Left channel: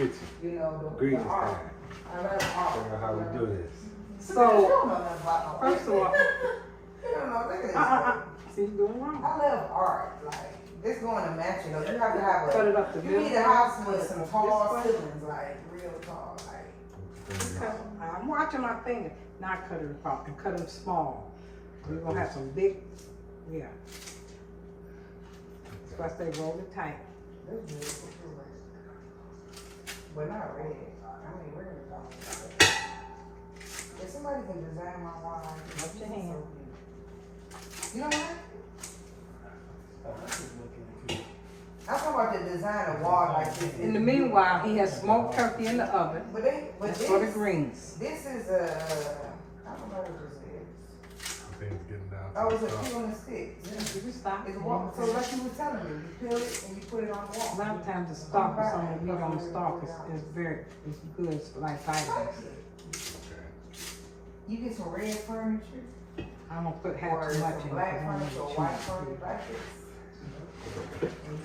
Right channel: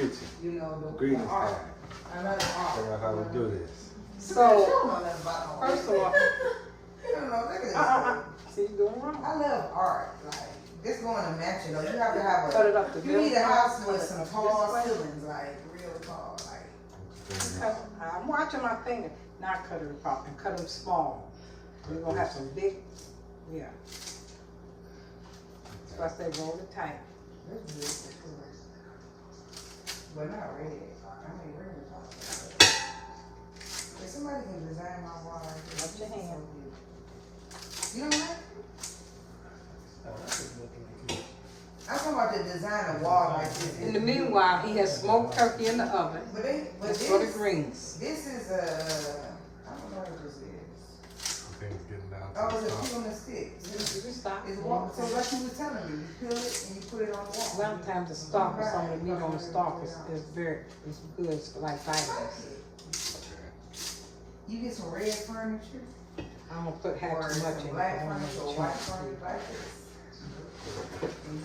kitchen. You know, the Greetings art. time. I love art. Figure out how we do this. So, First of all, you don't know, look at this. see you doing wrong. I love art. Like, it's going to match, you know. You have to have Cut it a, up the you need a middle. house with some This tall way. ceilings, like, real tall, like. I'm watching my finger, not cut it apart and cut them small. We're gonna have some big, yeah. So I say roll it tight. That's good. But not red. I mean, red is all. If somebody can design my wall like this. Watch your hand. You know what? I'm talking about the design of wall like this. In the meanwhile, he has smoked turkey in the oven. But That's for the this, greens. this is a, I don't know what this is. I think it's getting down to Oh, it's the a top. peel on the sticks. You just stop. It's wall, so like you were telling me, you peel it and you put it on the A wall. lot of times the stalk or some of the meat on the stalk is very, it's good, it's like vitamins. You get some red furniture, I'm gonna put half or too much some in it. black I don't furniture, or want white to furniture like this.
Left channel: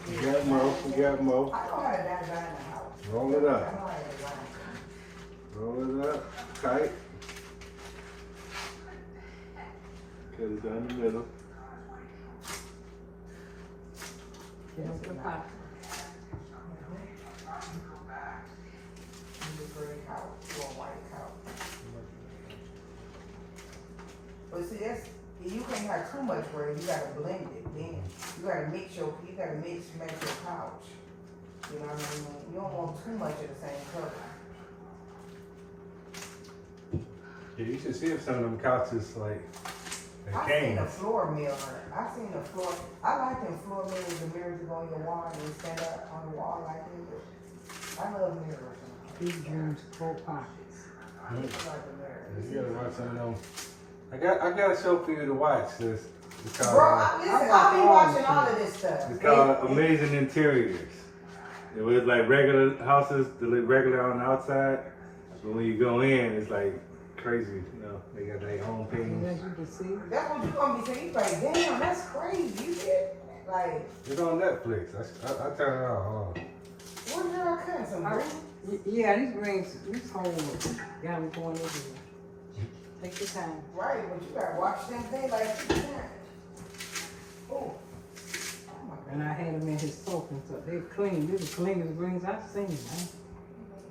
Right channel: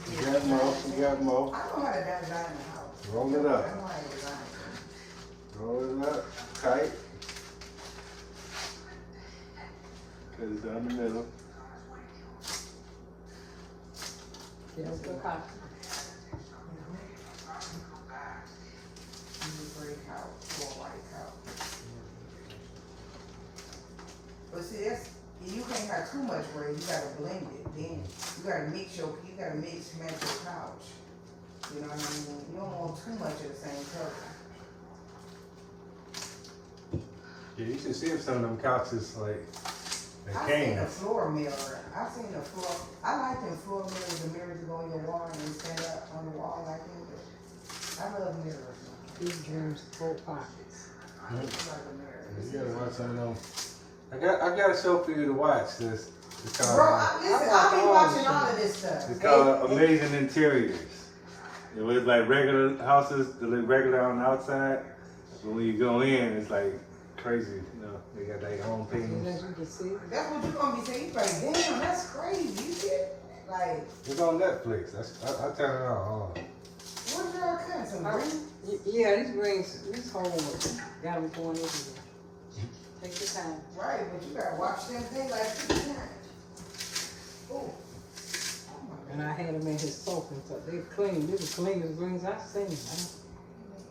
We got more, we got more. I know how to design a house. Roll it I up. know how to design it. Roll it up, tight. Cut it down the middle. Get up the pot. Use a gray couch or a white couch. But see, that's, you can't have too much gray, you gotta blend it, then you gotta mix match your couch. You know what I mean? You don't want too much of the same color. Yeah, you should see if some of them couches like I they seen a came. floor mirror. I seen a floor. I like them floor mirrors, the mirrors that go on your wall and you stand up on the wall like that. I love mirrors. These dreams full pockets. I like a mirror. You gotta watch some of them. I got a show for you to watch. This it's Bro, called, listen, watch I be all watching this all shit. of this stuff. it's called Amazing Interiors. It was like regular houses that look regular on the outside, but when you go in, it's like crazy. You know, they got their own And things. as you can see, That's what you gonna be saying. You like, damn, that's crazy. You get like, It's on Netflix. I turn it on. Hold on. what did y'all cut? Some green? yeah, these greens, these whole got me going everywhere. Take your time. Right, but you gotta watch them things like 2 times. Oh. And I had them in his soap and stuff. They clean. These are the cleanest greens I've seen, man.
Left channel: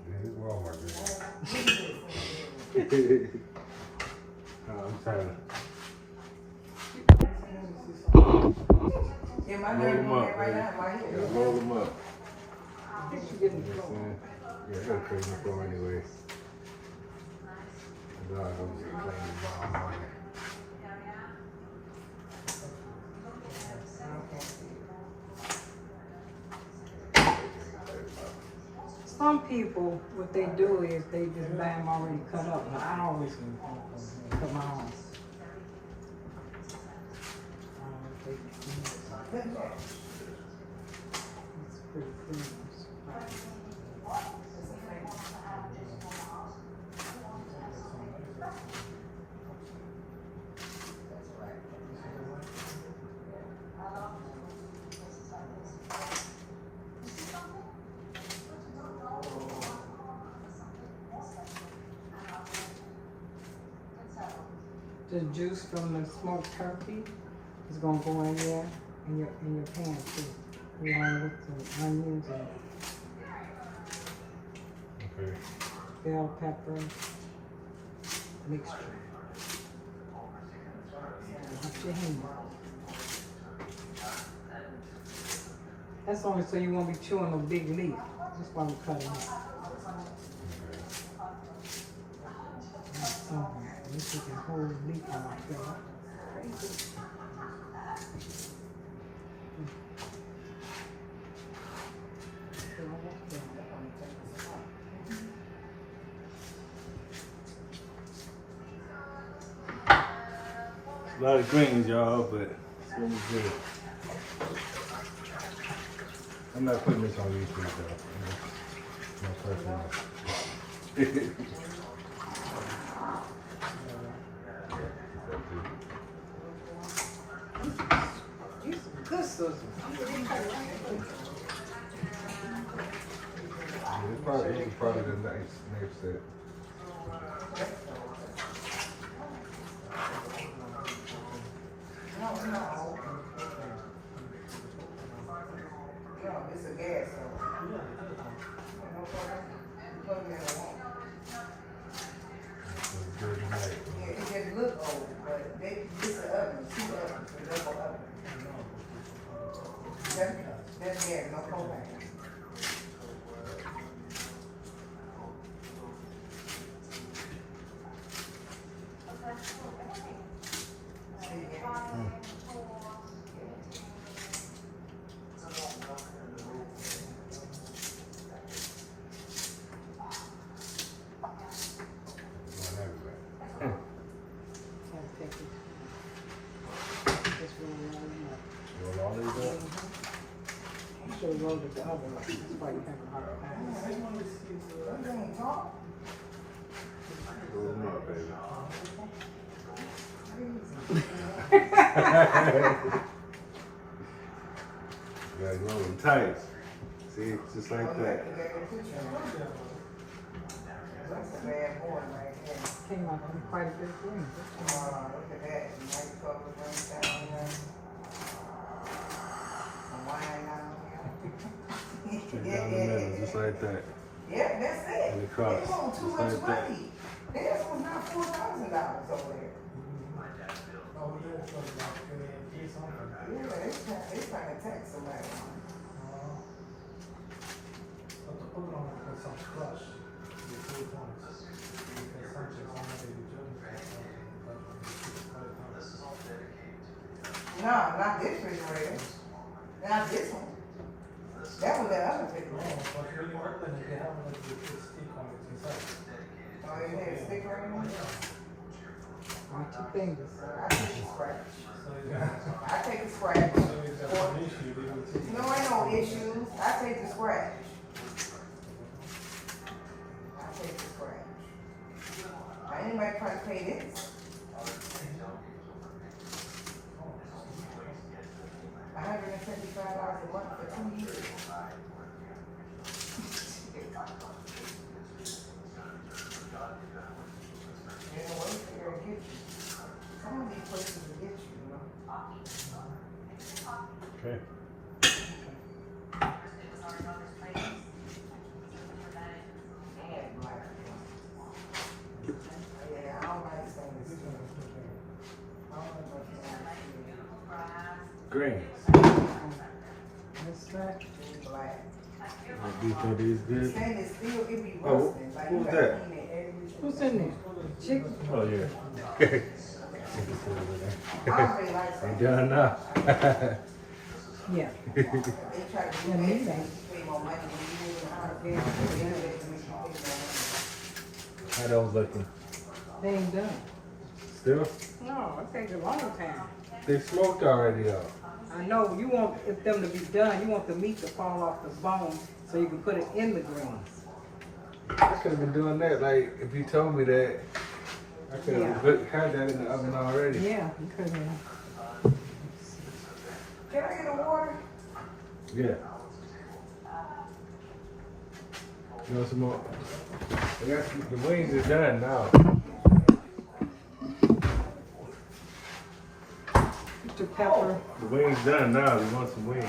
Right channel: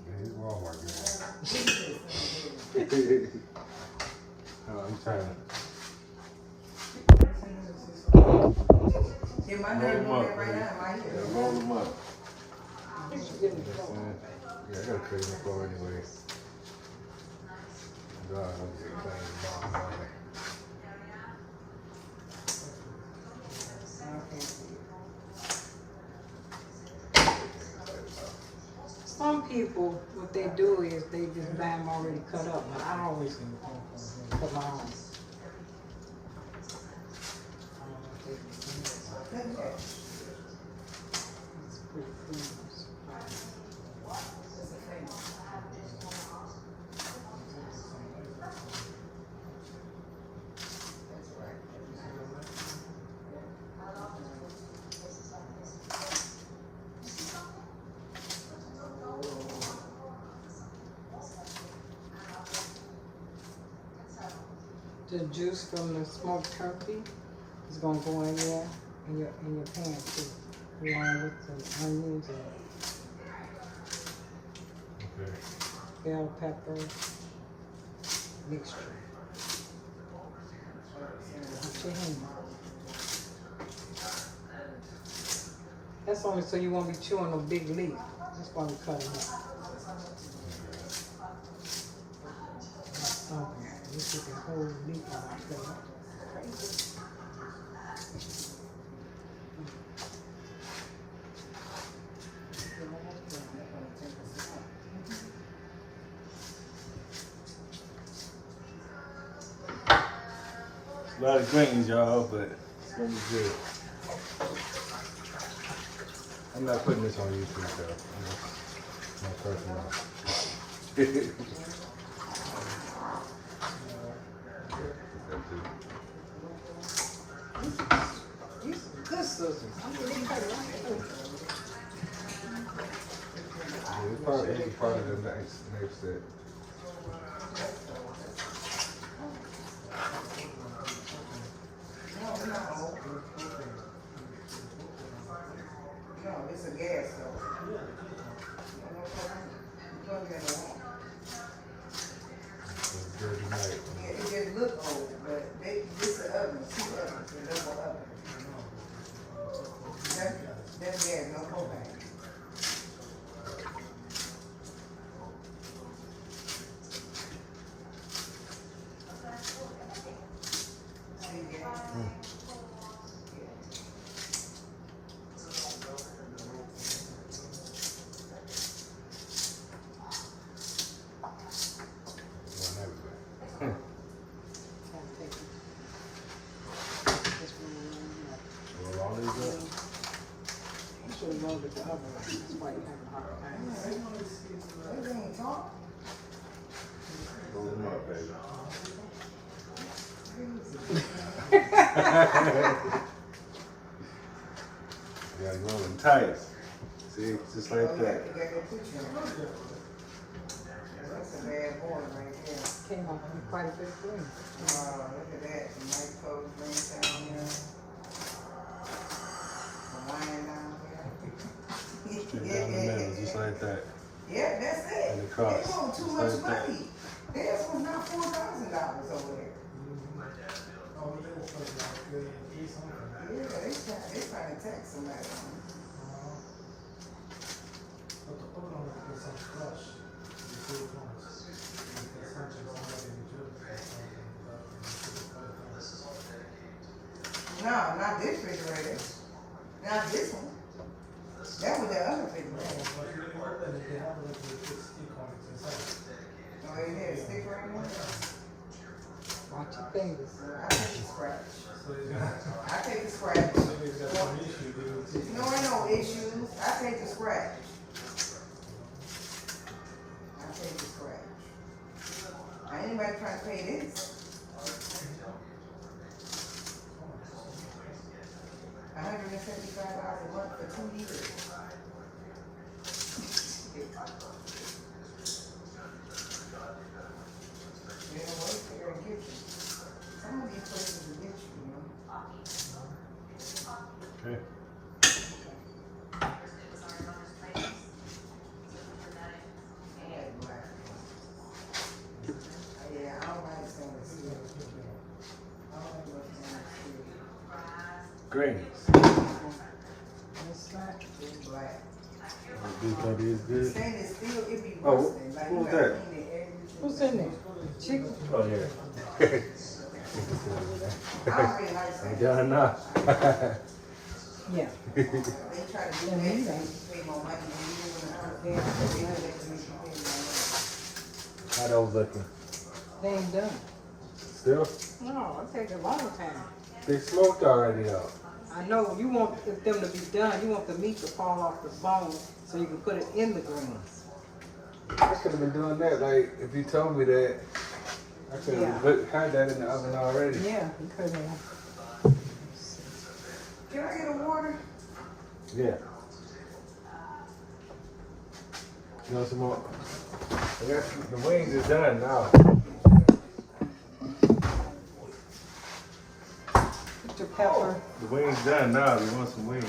Yeah, he's Walmart good. I'm trying to. Yeah, my Roll nerve them doing up, that right baby. now in my Yeah, head. roll them up. I think you getting the floor. Yeah, I gotta clean the floor anyway. God, I'm just playing the ball on it. Some people, what they do is they just buy them already cut up, but I always cut my own. It's pretty clean. The juice from the smoked turkey is gonna go in there in your pan too, along with the onions and Okay. bell pepper mixture. Wash your hand. That's only so you won't be chewing no big leaf. That's why we cut it up. You took a whole leaf on my plate. Crazy. A lot of greens, y'all, but it's gonna be good. I'm not putting this on YouTube though. It's my personal. These some good scissors. I'm gonna cut it right Yeah, probably it was probably the next set. No, this is a gas stove. No problem. You plug it in the wall. Good night. Yeah, it just look old, but this is oven, 2 ovens, a double oven. That's gas, no propane. Gotta take it. Just really line them up. Roll all these up. You should have rolled it the other way. That's why you have a hard time. Everything talk. Roll them up, baby. Yeah, roll them tight. See, just like that. You got that picture. That's a bad boy right there. Came out with quite a bit of green. Look at that. Nice color brings down here. Some wine down Down the middle, just like that. Yeah, that's it. And the cross, They want too just much like that. money. Theirs was not $4,000 over there. Yeah, they trying to tax somebody. No, not this refrigerator. Not this one. That was the other refrigerator. Oh, you had a stick right in there? Watch your fingers. I take the scratch. I take the scratch. No, ain't no issues. I take the scratch. I take the scratch. I ain't nobody trying to pay this. $175 a month for 2 years. There's no way they're gonna get you. Some of these places will get you, you know. Okay. And black. Yeah, I don't like stainless steel. I don't like no stainless steel. Greens. That's right. It's black. Are these good? Stainless steel, it be Oh, rusting. Like you who's gotta that? clean it every. What's in there? Chicken? Oh, yeah. I don't really like Ain't stainless. done enough. Yeah. They try to do Yeah, that, me so neither. you pay more money than you do in the house. They know they can make you pay How those looking? They ain't done. Still? No, it takes a long time. They smoked already though. I know you want them to be done. You want the meat to fall off the bone so you can put it in the greens. I could have been doing that. Like if you told me that, I could have had that in the oven already. Yeah, you could have. more. Can I get a water? Yeah. You want some more? I got the wings are done now. Put your pepper. The wings done now. We want some wings.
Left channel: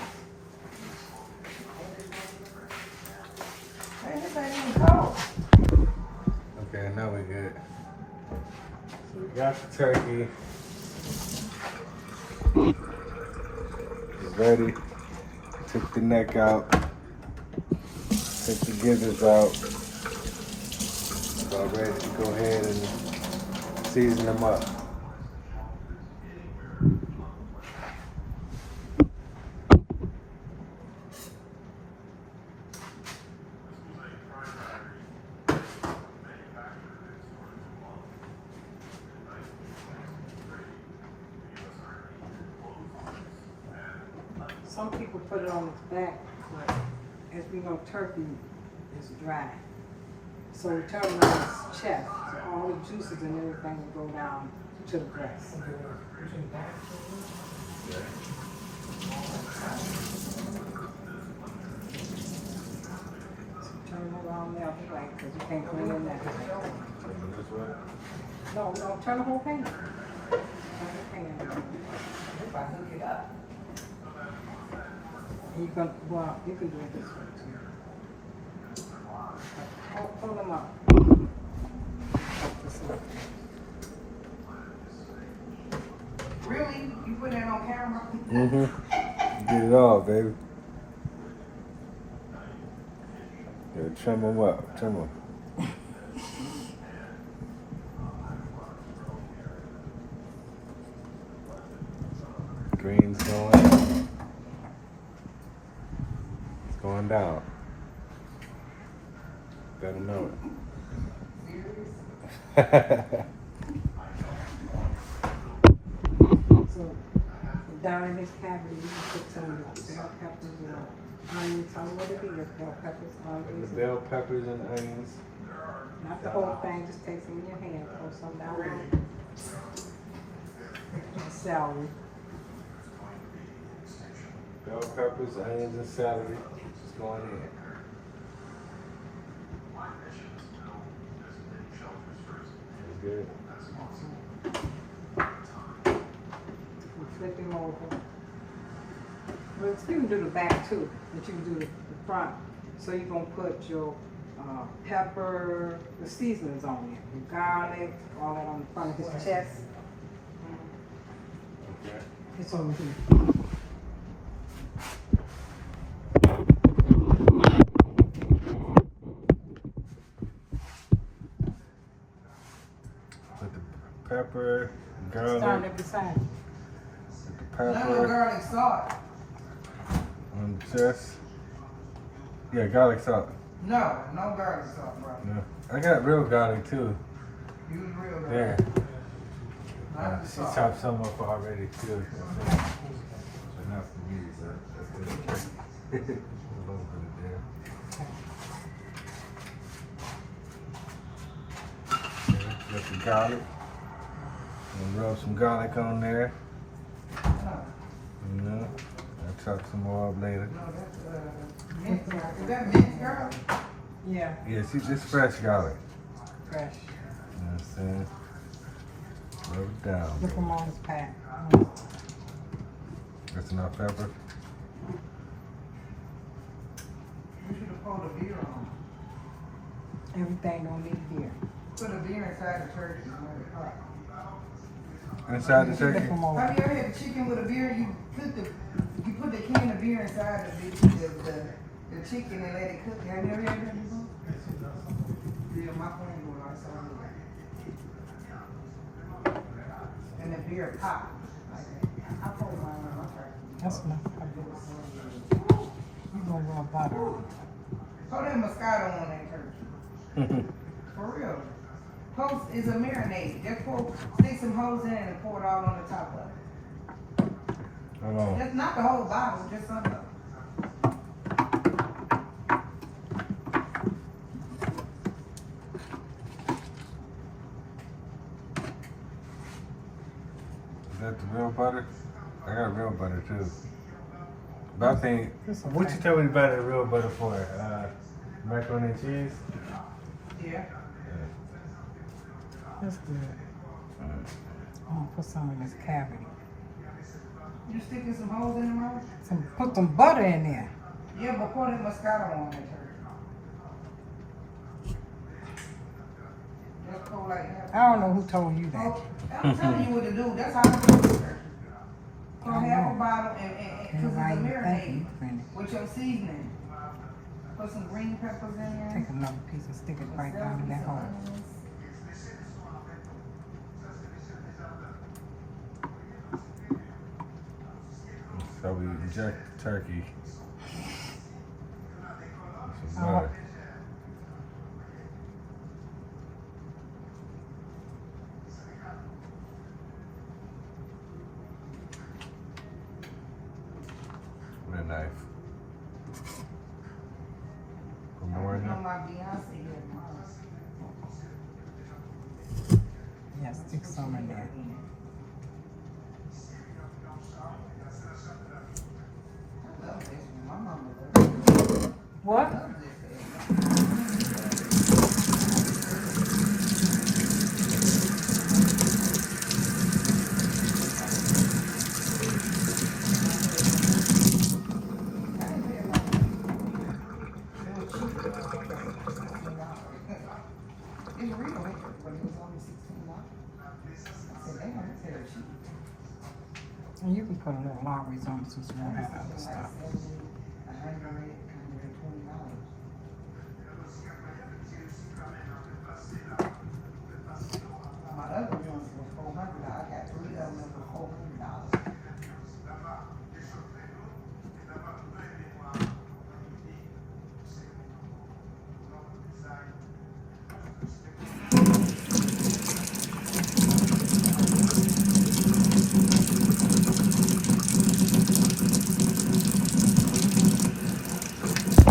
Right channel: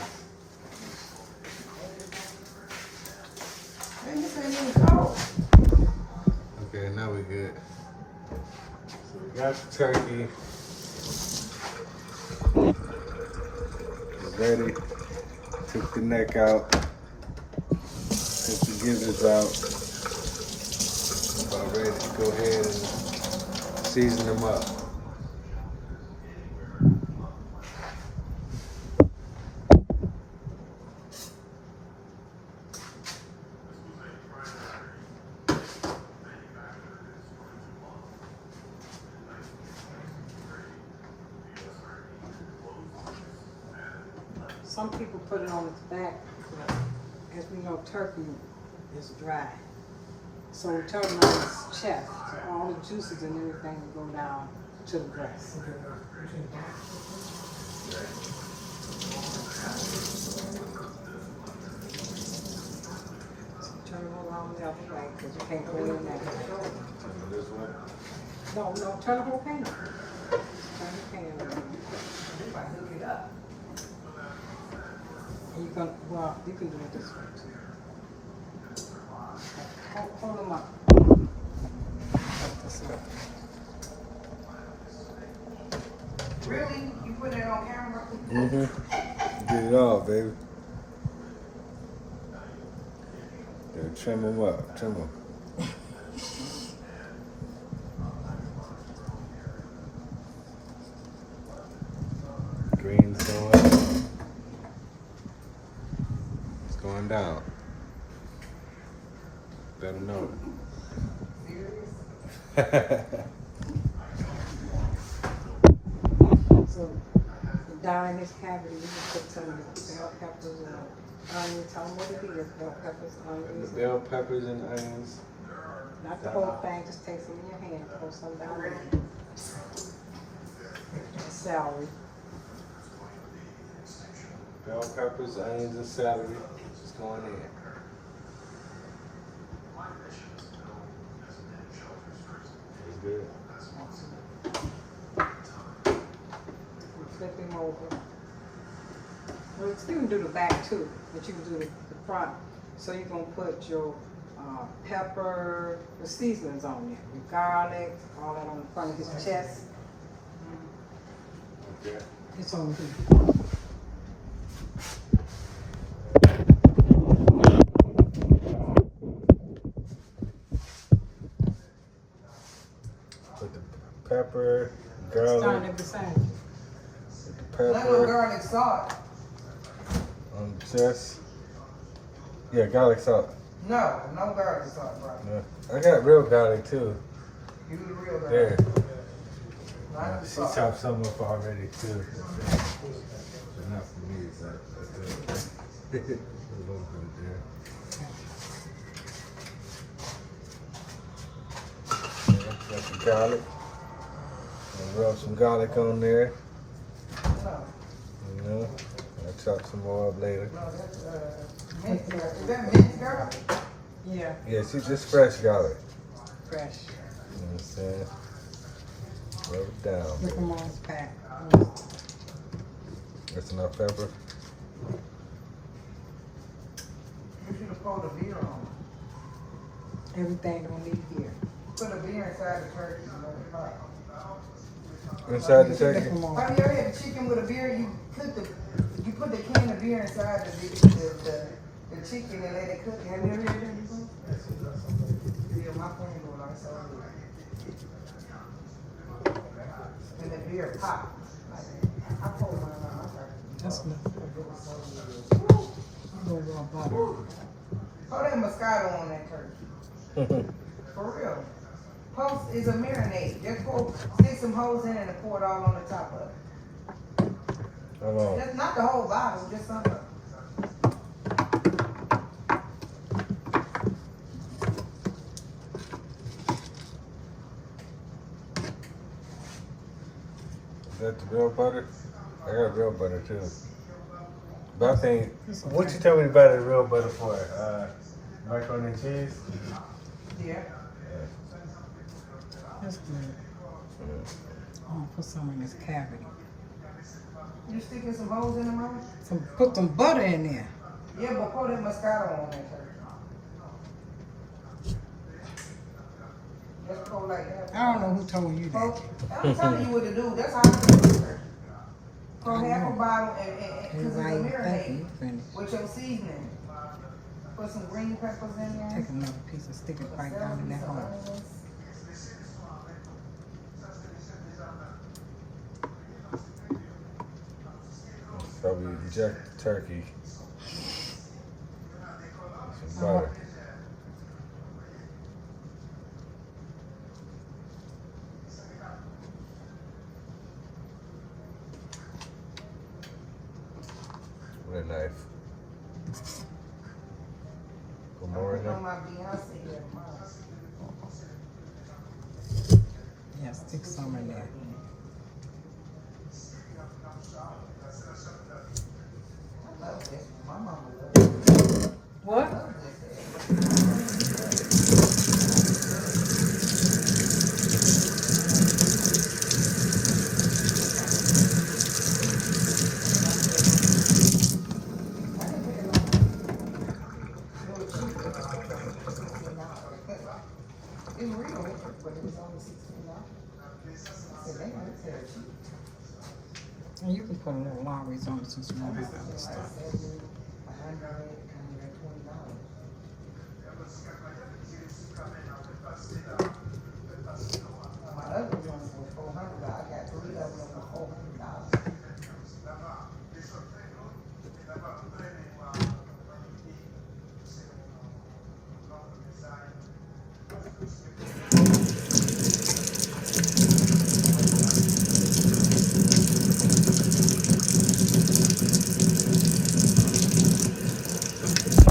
Man, this ain't even cold. Okay, now we good. So we got the turkey. It's ready. Took the neck out. Took the gizzards out. About ready to go ahead and season them up. Some people put it on its back, but as we know, turkey is dry. So we turn it on its chest, so all the juices and everything will go down to the breast. So turn it all on the other way, because you can't clean it that way. This way. No, turn the whole pan. Turn the pan around. If I hook it up. You can, well, you can do it this way too. Hold them up. Hold this up. Really? You put that on camera? Mm-hmm. Get it all, baby. Yeah, trim them up. Trim them. Green's going up. It's going down. Better know it. So down in this cavity, you can put some of the bell peppers and onions. Tell them what it is. Bell peppers, The onions. bell peppers and onions. Not the whole thing. Just take some in your hand. Throw some down there. And celery. Bell peppers, onions, and celery. Just going in. That's good. You flip him over. Well, you can do the back too, but you can do the front. So you're gonna put your pepper, the seasonings on it, your garlic, all that on the front of his chest. Okay. It's on here. Put the pepper, Start garlic, at the side. put the No pepper garlic salt. on the chest. Yeah, garlic salt. No garlic salt, bro. Yeah. I got real garlic too. You the real There. garlic. Not the She salt. chopped some up already too. Enough for me, so that's good. A little bit there. Got some garlic. And rub some garlic on there. No, You know, I'll chop some more up later. no, that's mint garlic. Is that mint garlic? Yeah, Yeah, see, just fresh garlic. fresh. You know what I'm saying? Rub it down. Look them on his pack. That's enough pepper. You should have poured a beer on. Everything don't need here. Put a beer inside the turkey. Let it pop. Inside the Look turkey. 'em on. Have you ever had chicken with a beer? You put the can of beer inside the chicken and let it cook. Have you ever had that before? Yeah, my phone going on, so and the beer pop. I pulled mine out. That's enough. You gonna go butter. Throw that Moscato on that turkey. For real. Post is a marinade. Just stick some holes in it and pour it all on the top of it. Hold on. Just not the whole bottle, just some of it. Is that the real butter? I got real butter too. But I think, what you tell me about the real butter for? Macaroni and cheese? Yeah. That's good. Oh, put some in this cavity. You sticking some holes in the mouth? Put some butter in there. Yeah, but pour that Moscato on that turkey. Just pour like that. I don't know who told you that. I'm telling you what to do. That's how I do it. Pour I half a know. bottle and You because it's a right, thank marinade you. Finish. with your seasoning. Put some green peppers in there. Take another piece and stick it right down in that hole. So we inject the turkey. With some butter. With a knife. Put more in there. My Beyonce here. Yeah, stick some in there. I love this. My mama loves What? this. it was only $16. I said, damn, it's hell cheap. And you can put a little Lowry's on it since you don't have other stuff. 100,